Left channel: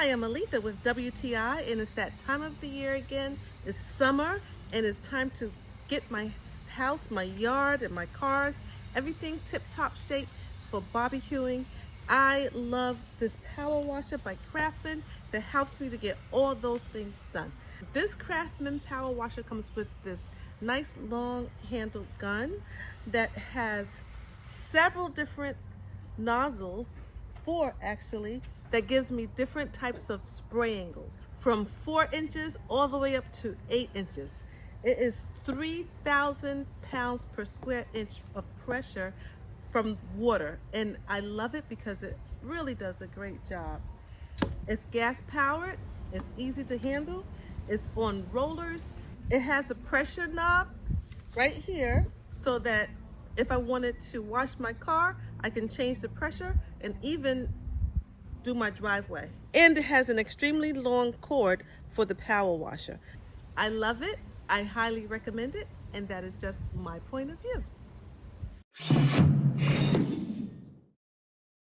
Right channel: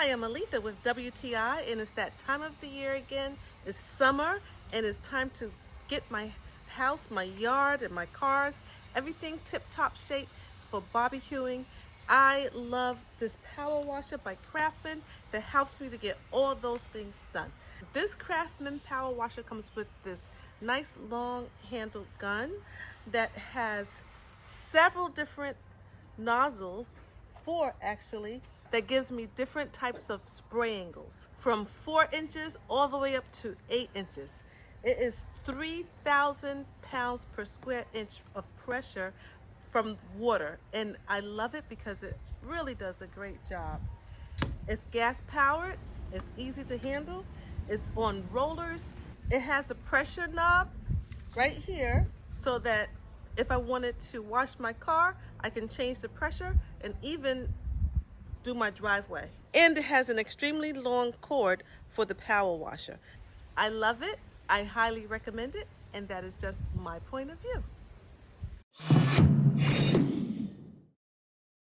Hi, I'm Aletha with WTI, and it's that time of the year again. It's summer, and it's time to get my house, my yard, and my cars, everything tip-top shape for barbecuing. I love this power washer by Craftsman that helps me to get all those things done. This Craftsman power washer comes with this nice long handled gun that has several different nozzles, four actually, that gives me different types of spray angles from 4 inches all the way up to 8 inches. It is 3,000 pounds per square inch of pressure from water, and I love it because it really does a great job. It's gas powered, it's easy to handle, it's on rollers. It has a pressure knob right here so that if I wanted to wash my car, I can change the pressure and even do my driveway. And it has an extremely long cord for the power washer. I love it, I highly recommend it, and that is just my point of view.